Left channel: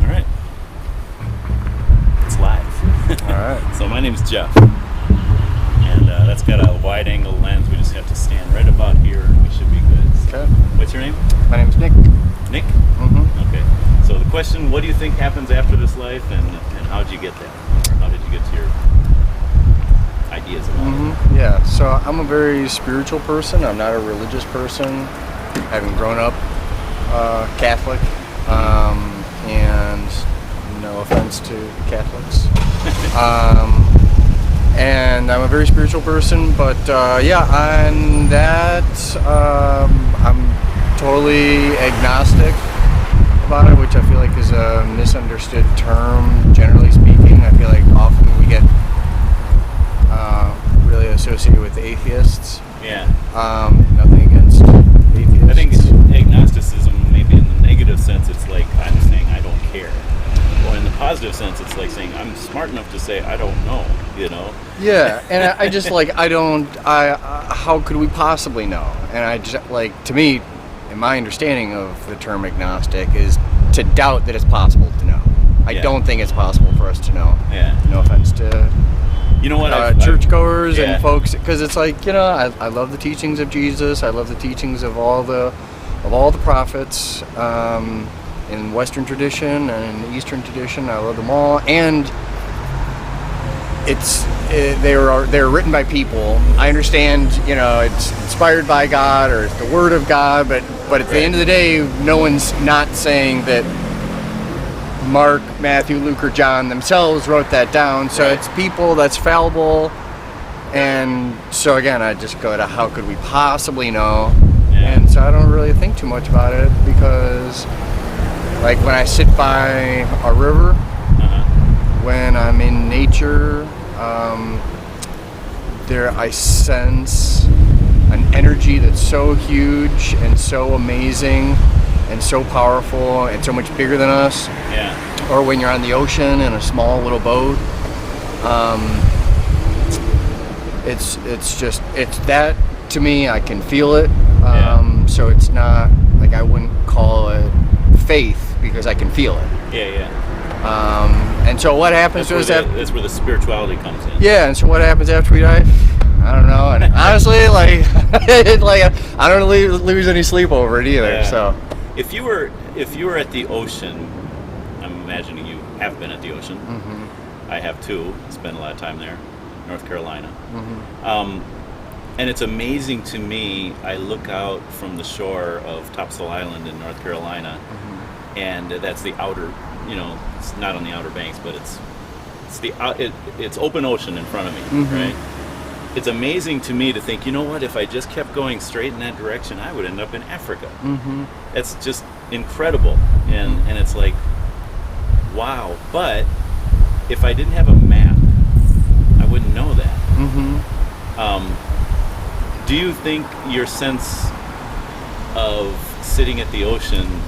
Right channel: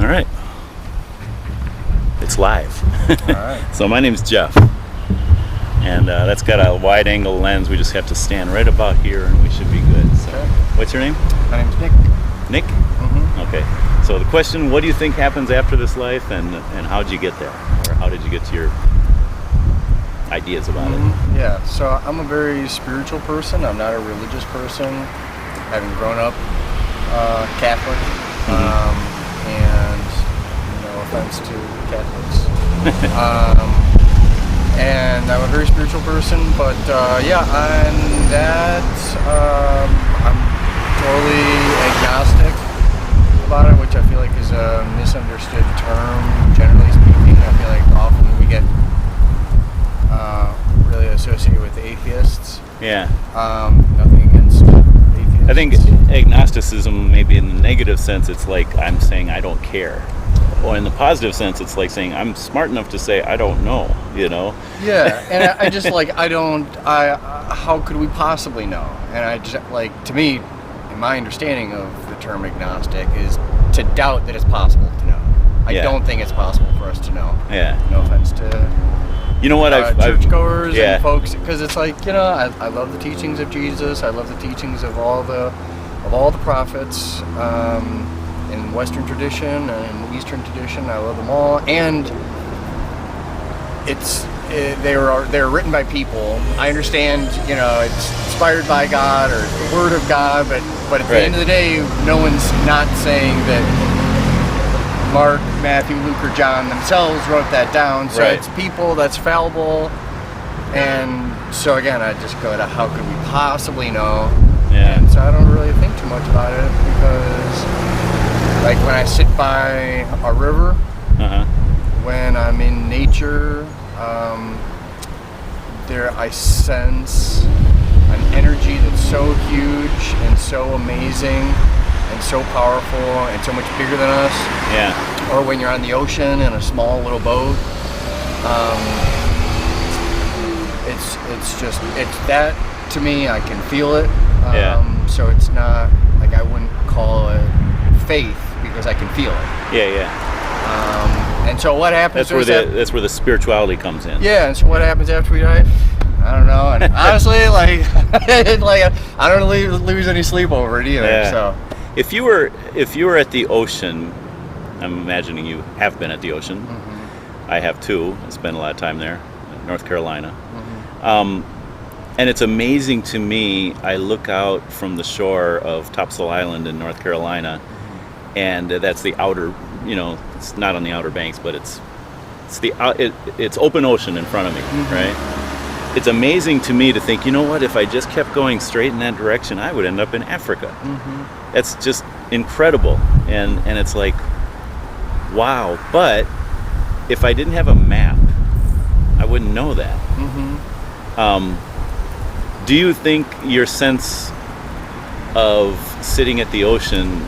All right. It's live. All right. So my name's Jeff. And that's got a wide angle lens. We just have to stand right about here and we should be good. So, Okay. what's your name? My name's Nick. Nick? Mm-hmm. Okay. So the question, what do you think happens after this life and how'd you get there? Or how did you get to your ideas about it? Yeah, so I'm a very spiritual person. I'm not a religious person, having grown up Catholic. And no offense to Catholics. And I'm a very spiritual person, but on that, I'm totally agnostic about it, which I feel like is a misunderstood term, generally speaking. I feel like often we get really associated with atheists. Yeah. Nothing against atheists. I think agnosticism, maybe in the negative sense, it's like I'm saying I don't care. Or in the positive sense, it's like saying I'm smart enough to say I don't know, you know? Yeah, and I just like, how could we possibly know? And I just, like, to me, in my understanding of the term agnostic is to doubt that it's possible to know. I don't think it's possible for us to know. Yeah. No offense to you know what, churchgoers and folks, because it's like, you know, I love the teachings of Jesus. I love the teachings of all the prophets in Western tradition and in Eastern tradition. I love them all, and they're written by people. I understand, you know, it's inspired by God or it's the Word of God, but at the end of the day, no one's not saying that Mark, Matthew, Luke, or John themselves wrote that down. So it's people that's fallible. And so again, I just go to how could we possibly know? Yeah. And so I don't really think too much about it because, like, when I sit by a river, when I'm in nature, there I sense an energy that's so huge and so amazing and so powerful and so much bigger than us. Yeah. Or when you're on the ocean in a small little boat, it's that, to me, I can feel it. So it's not like, I wouldn't call it faith because I can feel it. Yeah. And so what happens? That's where the spirituality comes in. Yeah, and so what happens after we die? I don't know. And honestly, like I don't lose any sleep over it either. Yeah. So if you were at the ocean, I'm imagining you have been at the ocean. I have too. I spent a lot of time there, in North Carolina. And it's amazing to me. I look out from the shore of Topsail Island in North Carolina, and that's the outer. You know, it's not on the outer banks, but it's open ocean in front of me, right? It's amazing to me to think, you know what, if I just kept going straight in that direction, I would end up in Africa. That's just incredible. And it's like, wow. But if I didn't have a map, I wouldn't know that. Do you think your sense of sitting at the ocean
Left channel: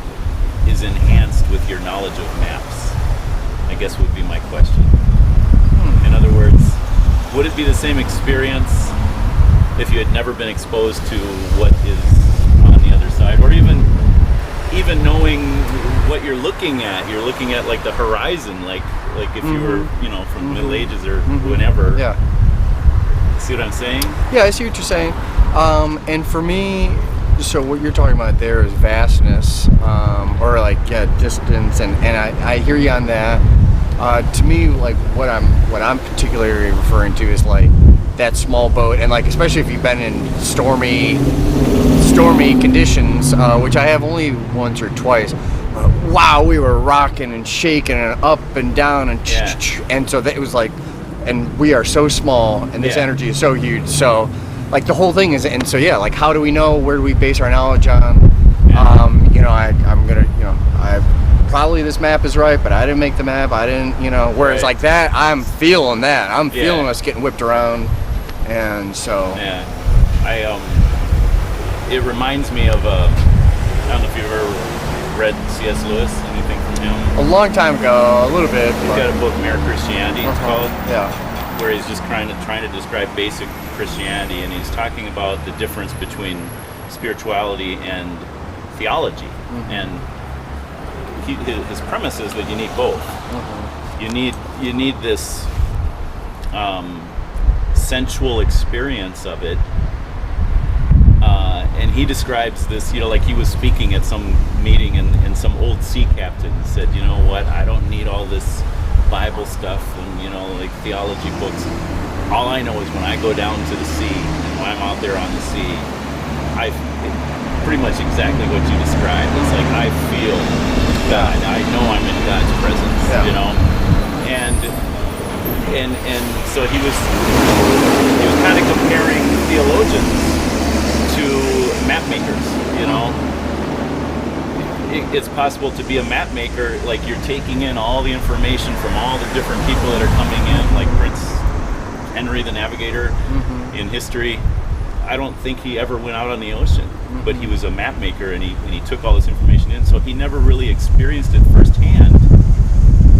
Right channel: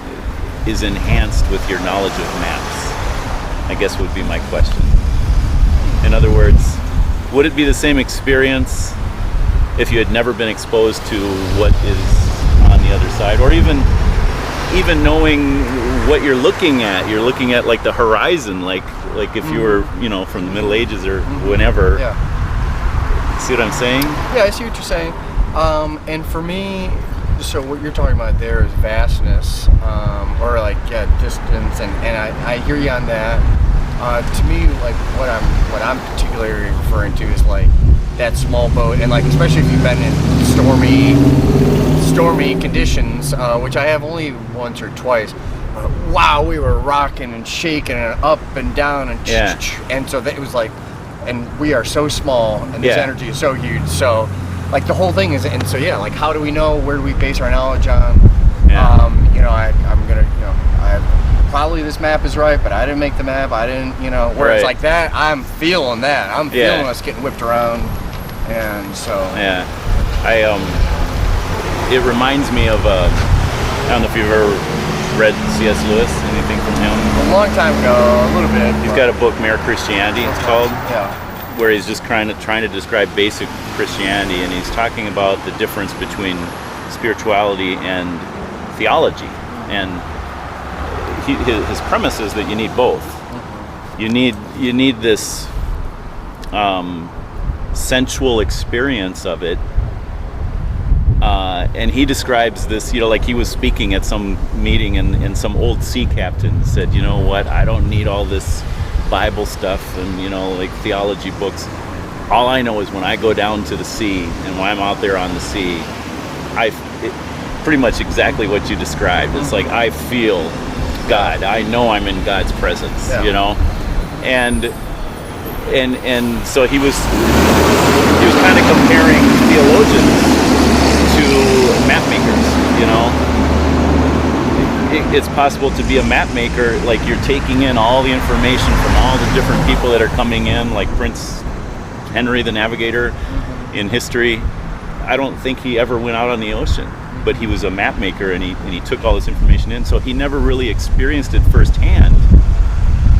is enhanced with your knowledge of maps? I guess would be my question. In other words, would it be the same experience if you had never been exposed to what is on the other side, or even knowing what you're looking at? You're looking at like the horizon, like if you were, you know, from the Middle Ages or whenever. Yeah. See what I'm saying? Yeah, I see what you're saying. And for me, so what you're talking about there is vastness, or like distance, and I hear you on that. To me, like what I'm particularly referring to is like that small boat, and like especially if you've been in stormy conditions, which I have only once or twice. Wow, we were rocking and shaking and up and down and so that it was like, and we are so small, and this energy is so huge. So like the whole thing is, and so like how do we know? Where do we base our knowledge on? You know, I'm gonna, you know, probably this map is right, but I didn't make the map. I didn't, you know. Whereas like that, I'm feeling that. I'm feeling us getting whipped around, and so. Yeah, it reminds me of I don't know if you've ever read C.S. Lewis. Anything from him? A long time ago, a little bit. He's got a book, Mere Christianity. It's called. Yeah. Where he's just trying to describe basic Christianity, and he's talking about the difference between spirituality and theology. And his premise is that you need both. You need this sensual experience of it, and he describes this, like he was speaking at some meeting, and some old sea captain said, you know what, I don't need all this Bible stuff and like theology books. All I know is when I go down to the sea and when I'm out there on the sea, pretty much exactly what you described. It's like I feel God. I know I'm in God's presence, and so he was kind of comparing theologians to map makers. It's possible to be a map maker, like you're taking in all the information from all the different people that are coming in, like Prince Henry the Navigator in history. I don't think he ever went out on the ocean, but he was a map maker, and he took all this information in, so he never really experienced it firsthand,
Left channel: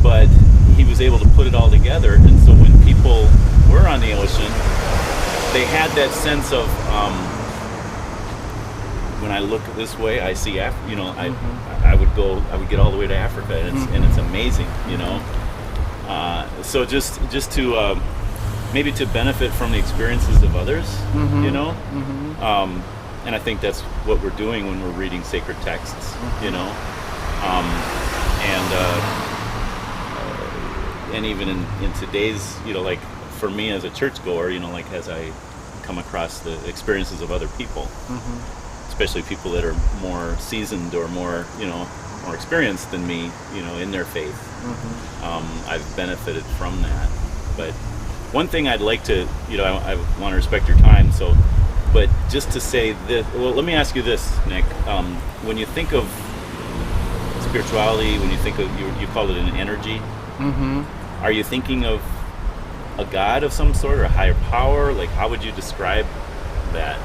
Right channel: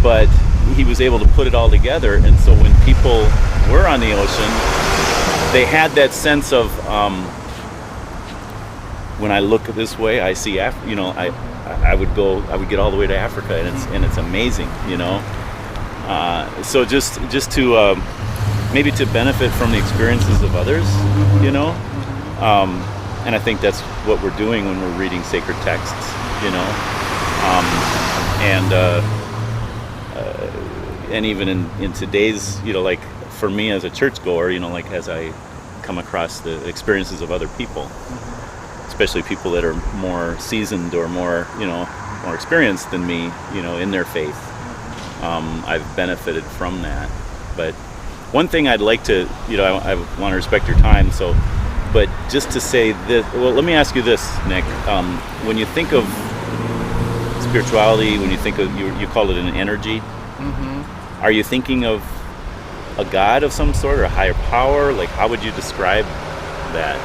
but he was able to put it all together. And so when people were on the ocean, they had that sense of when I look this way, I see I would get all the way to Africa, and it's amazing, so just to maybe to benefit from the experiences of others, and I think that's what we're doing when we're reading sacred texts, and even in today's, like for me as a churchgoer, like as I come across the experiences of other people, especially people that are more seasoned or more experienced than me, in their faith, I've benefited from that. But one thing I'd like to, I want to respect your time, but just to say this, well, let me ask you this, Nick. When you think of spirituality, when you think of, you call it an energy, are you thinking of a God of some sort or a higher power? Like, how would you describe that?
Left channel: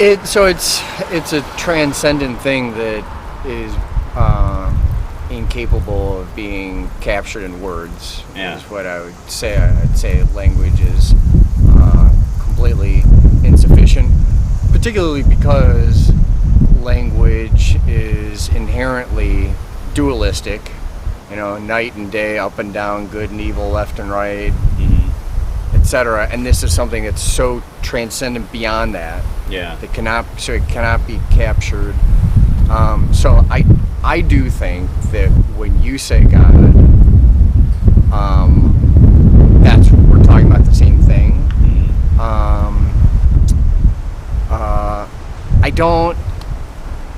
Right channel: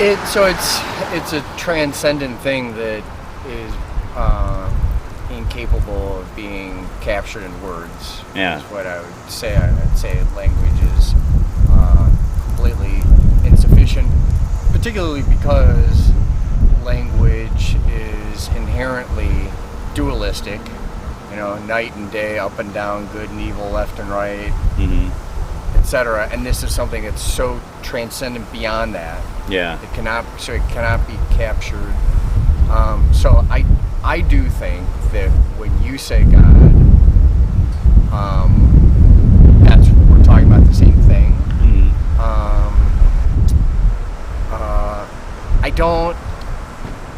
It's a transcendent thing that is incapable of being captured in words. Yeah. Is what I would say. I'd say language is completely insufficient, particularly because language is inherently dualistic. Night and day, up and down, good and evil, left and right, etc. And this is something that's so transcendent beyond that. Yeah. It cannot be captured. So I do think that when you say God, that's we're talking about the same thing. I don't,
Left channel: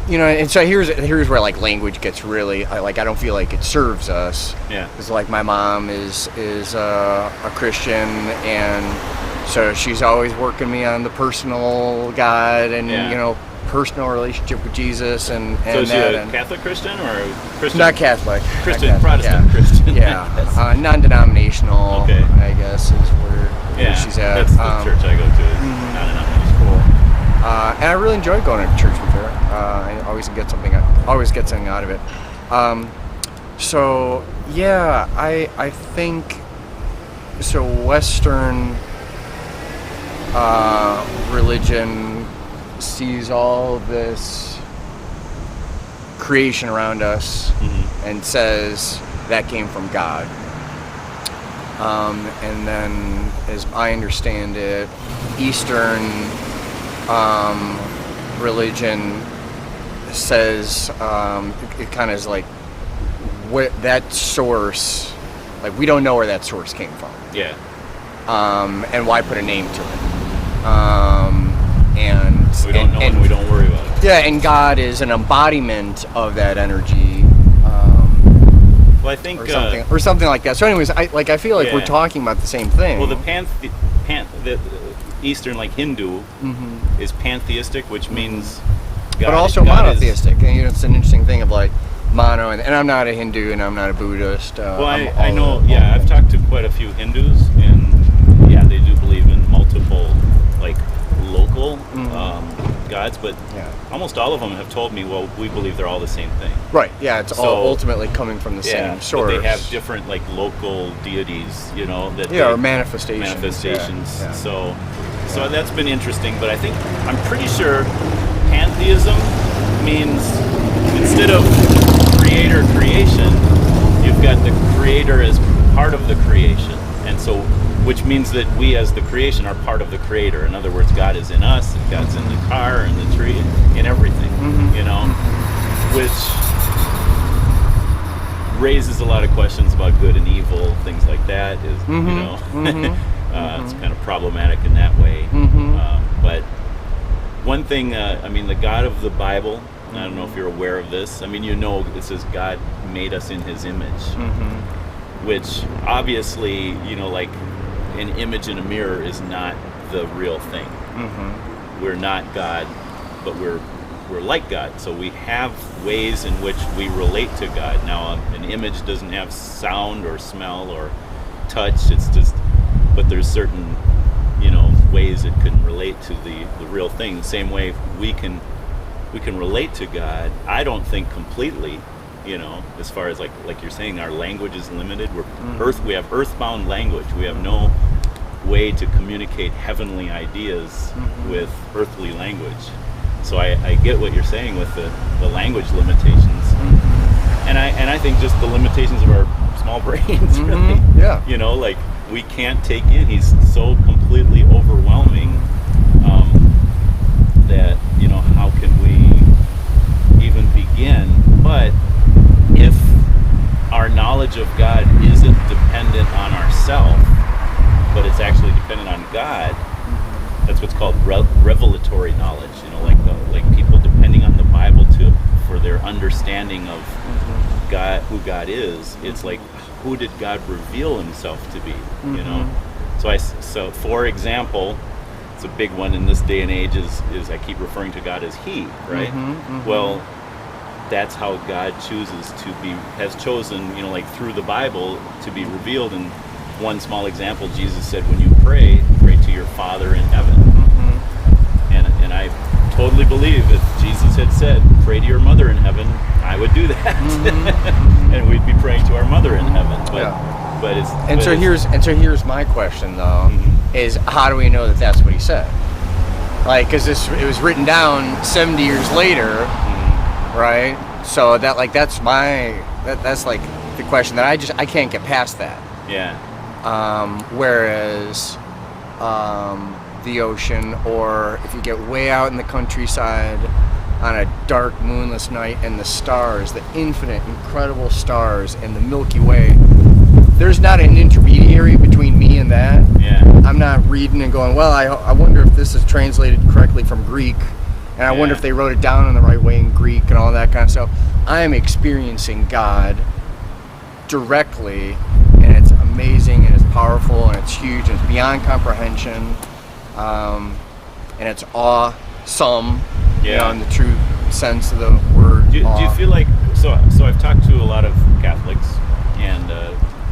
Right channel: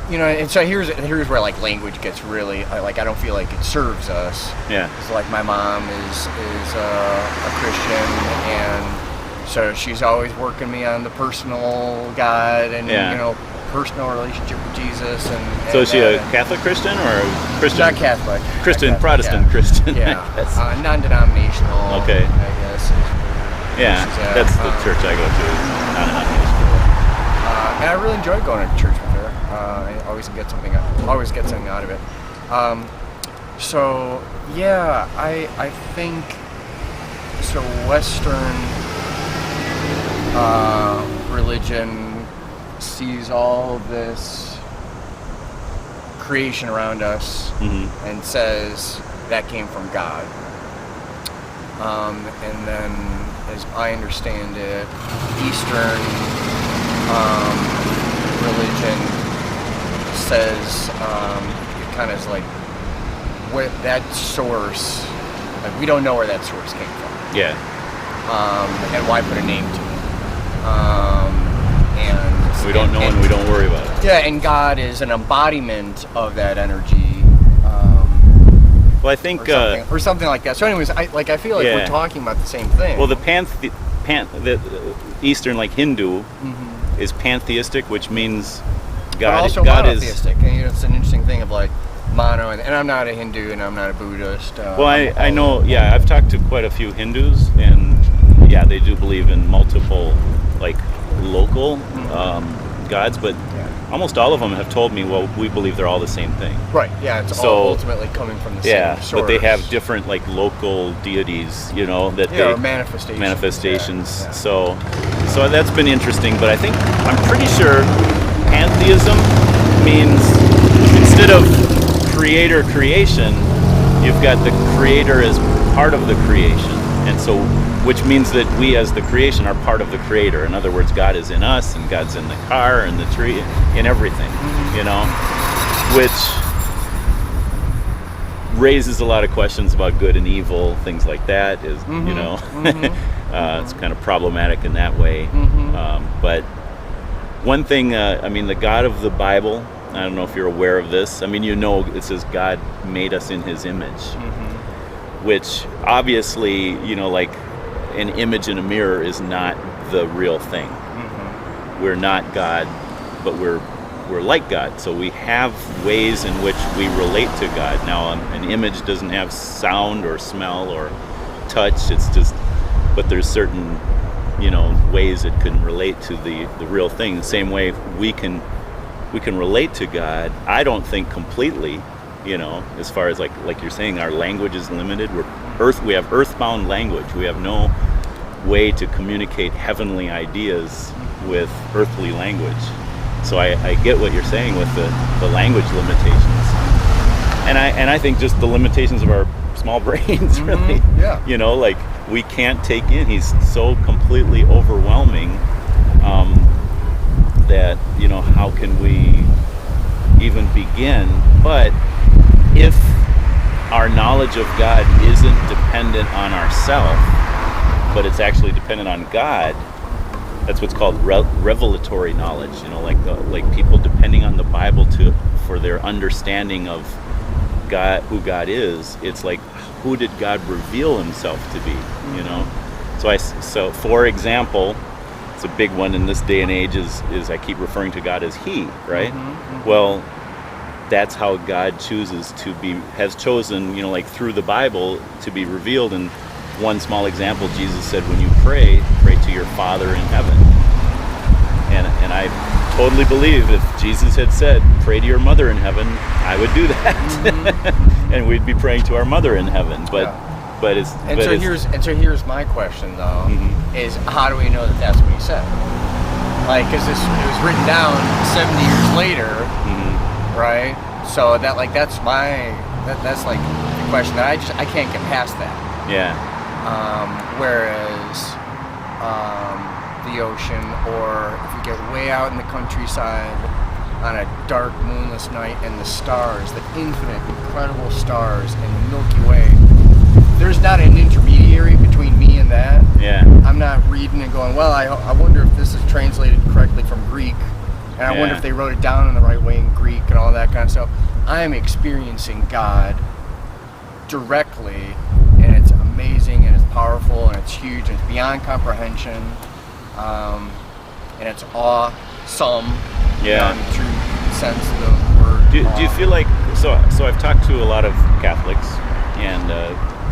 and so here's where like language gets really I don't feel like it serves us. Yeah. Because like my mom is a Christian, and so she's always working me on the personal God and personal relationship with Jesus, and so is she a Catholic Christian or a Christian? Not Catholic. Christian, not Catholic, Protestant Christian. Yeah, non-denominational. Okay. I guess is where she's at. That's the church I go to. Is non-denominational. Cool. And I really enjoy going to church with her. I always get something out of it. So yeah, I think so. Western religion sees all this creation around us and says that came from God. And then, as I understand it, Eastern religion says it kind of is like what that source, like we don't know where that source came from. Yeah. And why put a name to it? And we don't know, and we don't worry about it. Yeah, and God is an embodiment of that energy. Well, I think or something like that. So, anyways, I feel like we're talking about the same thing. Well, the Eastern, like Hindu, is pantheistic, which means God, but also God monotheistic. And it's an interesting thing of like mono, and I'm not a Hindu, and I'm not a Buddhist. Well, I know. I've talked to quite a few Hindus, and they do believe in multiple, like local gods, but almost all of them have told me, well, we believe they're all the same thing. Right. Yeah. It's all ultimately coming from the same source. But they have different like local deities, that or manifestations. Yeah. So that's been interesting. But I'm pretty sure pantheism means instead of creation, you've got the creator as part of the creation. And so, which means that we as the creation are part of the creator. In other words, God is in us, and God's in the car and the tree, in everything, you know, which raises a lot of questions about good and evil, things like that, is, you know, it's kind of problematic in that way. But one thing, I mean, the God of the Bible, I don't know if you're aware of this. I mean, you know, it says God made us in his image, which obviously, you know, like an image in a mirror is not the real thing. We're not God, but we're like God. So we have ways in which we relate to God. Now, an image doesn't have sound or smell or touch. It's just, but there's certain, you know, ways it can relate to the real thing. The same way we can relate to God. I don't think completely, you know, as far as like you're saying, our language is limited. We have earthbound language. We have no way to communicate heavenly ideas with earthly language. So I get what you're saying with the language limitations, and I think just the limitations of our small brains, really. Yeah. You know, like we can't take in. He's so completely overwhelming that, you know, how can we even begin? But if our knowledge of God isn't dependent on ourselves, but it's actually dependent on God, that's what's called revelatory knowledge. You know, like people depending on the Bible for their understanding of God, who God is. It's like, who did God reveal himself to be? You know, so for example, it's a big one in this day and age is I keep referring to God as He, right? Well, that's how God has chosen, you know, like through the Bible to be revealed. And one small example, Jesus said, when you pray to your Father in heaven. And I totally believe if Jesus had said, pray to your mother in heaven, I would do that. And we'd be praying to our mother in heaven. So here's my question though, is how do we know that that's what he said? Like, because it was written down 70 years later, right? So that, like, that's like the question that I can't get past that. Yeah. Whereas the ocean, or if you get way out in the countryside on a dark moonless night, and the stars, the infinite incredible stars and the Milky Way, there's not an intermediary between me and that. Yeah. I'm not reading and going, well, I wonder if this is translated correctly from Greek, and I wonder if they wrote it down in the right way in Greek and all that kind of stuff. I am experiencing God directly, and it's amazing, and it's powerful, and it's huge, and it's beyond comprehension, and it's awesome, you know, in the true sense of the word. Do you feel like, so I've talked to a lot of Catholics, and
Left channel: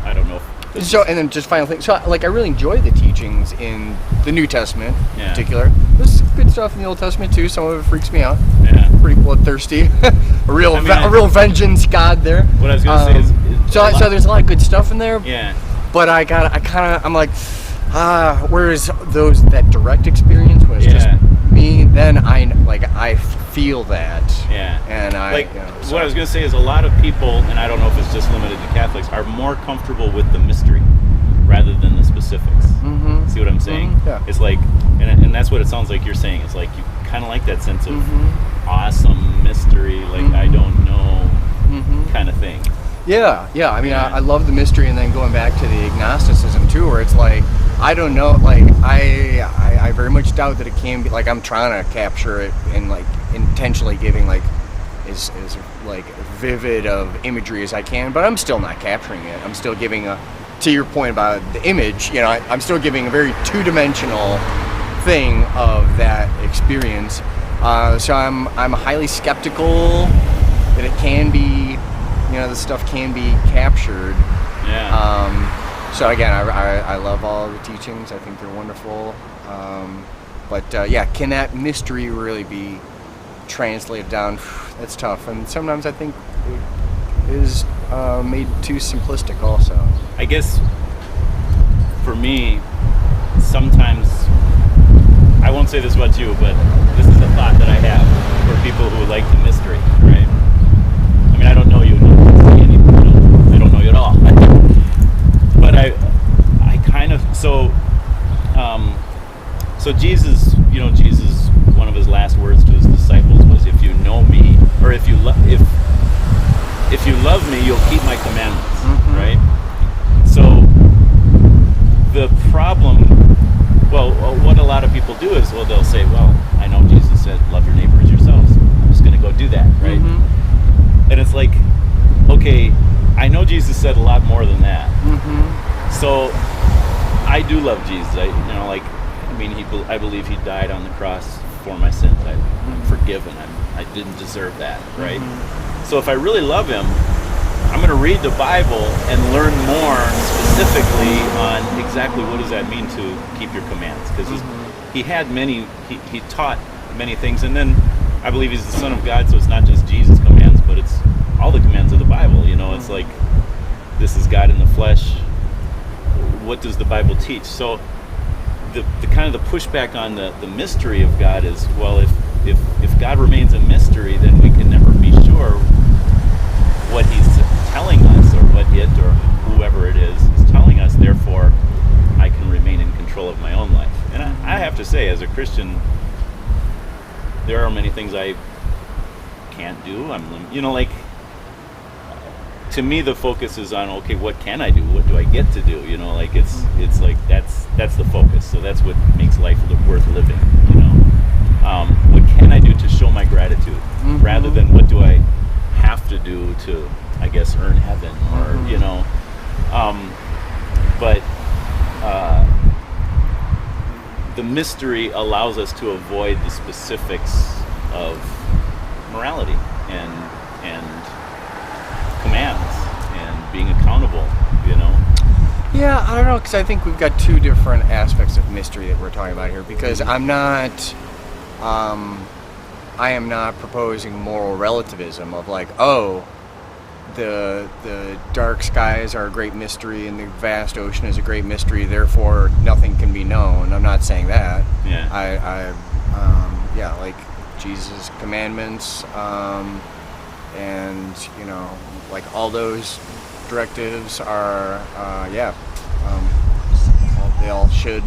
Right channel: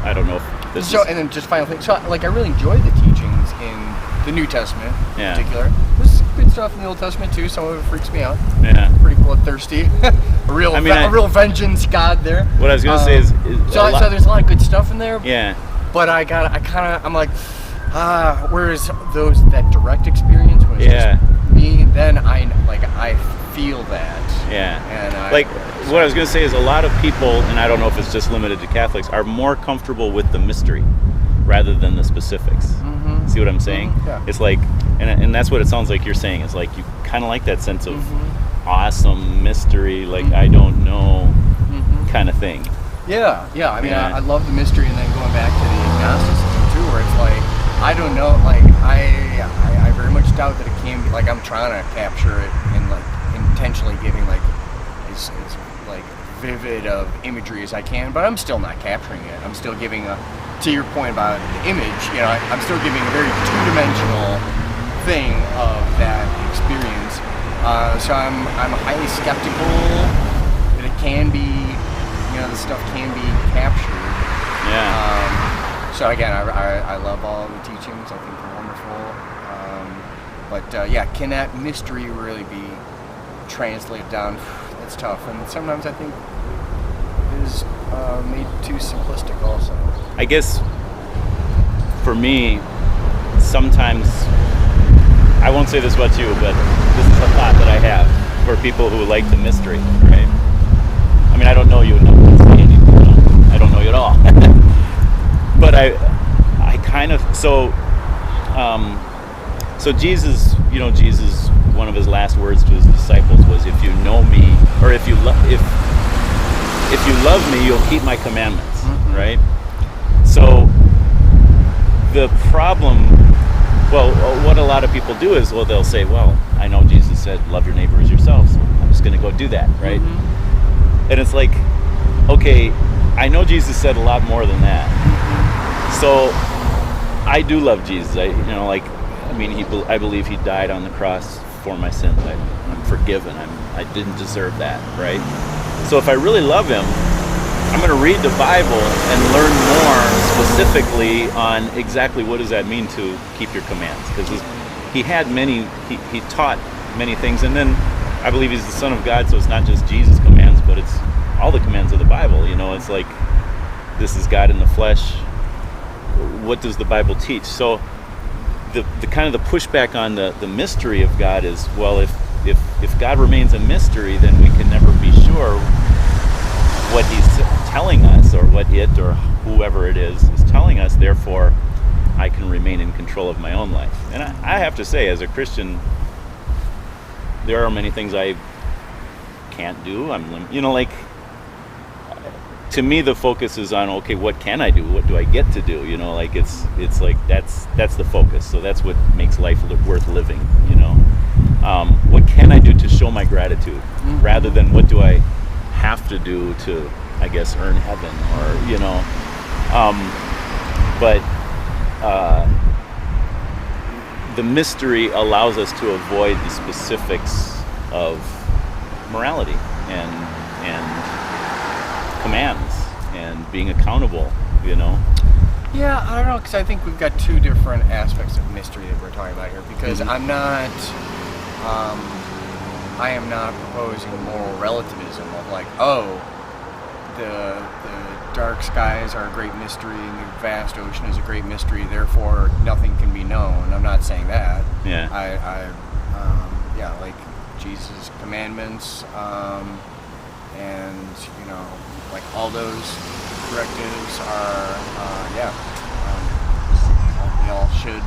I don't know if this and then just final thing, so like I really enjoy the teachings in the New Testament in particular. There's good stuff in the Old Testament too. Some of it freaks me out. Yeah. Pretty bloodthirsty. a real vengeance God there. What I was gonna say is so there's a lot of good stuff in there. Yeah. But I'm like, whereas that direct experience when it's just me, then I feel that. Yeah. And what I was gonna say is a lot of people, and I don't know if it's just limited to Catholics, are more comfortable with the mystery rather than the specifics. See what I'm saying? Yeah. It's like, and that's what it sounds like you're saying. It's like you kind of like that sense of awesome mystery, like I don't know kind of thing. Yeah. I mean, I love the mystery, and then going back to the agnosticism too, where it's like, I don't know, like I very much doubt that it can be, like I'm trying to capture it and like intentionally giving like as like vivid of imagery as I can, but I'm still not capturing it. I'm still giving to your point about the image, you know, I'm still giving a very two-dimensional thing of that experience. So I'm highly skeptical that it can be, you know, the stuff can be captured. Yeah. So again, I love all the teachings. I think they're wonderful. But can that mystery really be translated down? That's tough, and sometimes I think it is made too simplistic also. I guess for me, sometimes, I won't say this about you, but this is a thought that I have for people who like the mystery, right? I mean, I don't know you enough to say anything. You know, I don't know you at all. But I kind of so Jesus, you know, Jesus, one of his last words to his disciples was, "If you know me, or if you love me, you'll keep my commandments." Mm-hmm. Right? So the problem, well, what a lot of people do is, well, they'll say, well, I know Jesus said, love your neighbor as yourself, so I'm just going to go do that, right? Mm-hmm. And it's like, okay, I know Jesus said a lot more than that. Mm-hmm. So I do love Jesus. I believe he died on the cross for my sins. I'm forgiven. I didn't deserve that, right? Mm-hmm. So if I really love him, I'm going to read the Bible and learn more specifically on exactly what does that mean to keep your commands. Because he taught many things. And then I believe he's the Son of God, so it's not just Jesus' commands, but it's all the commands of the Bible. You know, it's like, this is God in the flesh. What does the Bible teach? So the kind of the pushback on the mystery of God is, well, if God remains a mystery, then we can never be sure what he's telling us, or what it or whoever it is telling us. Therefore, I can remain in control of my own life. And I have to say, as a Christian, there are many things I can't do. To me, the focus is on, okay, what can I do? What do I get to do? You know, like it's like that's the focus. So that's what makes life worth living. You know, what can I do to show my gratitude, rather than what do I have to do to, I guess, earn heaven, or you know. But the mystery allows us to avoid the specifics of morality and commands and being accountable, you know. Yeah, I don't know, because I think we've got two different aspects of mystery that we're talking about here, because I am not proposing moral relativism of like, oh, the dark skies are a great mystery and the vast ocean is a great mystery, therefore nothing can be known. I'm not saying that. Yeah. Like Jesus' commandments, and you know, like all those directives are, they all should,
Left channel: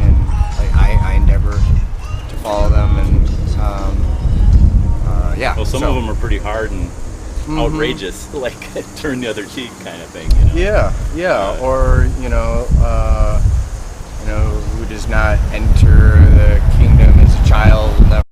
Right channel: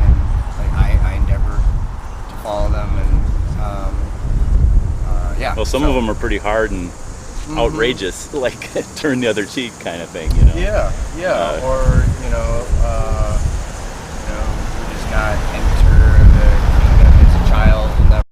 and like I endeavor to follow them, and Well, some of them are pretty hard and outrageous, like turn the other cheek kind of thing, you know. Or who does not enter the kingdom as a child will never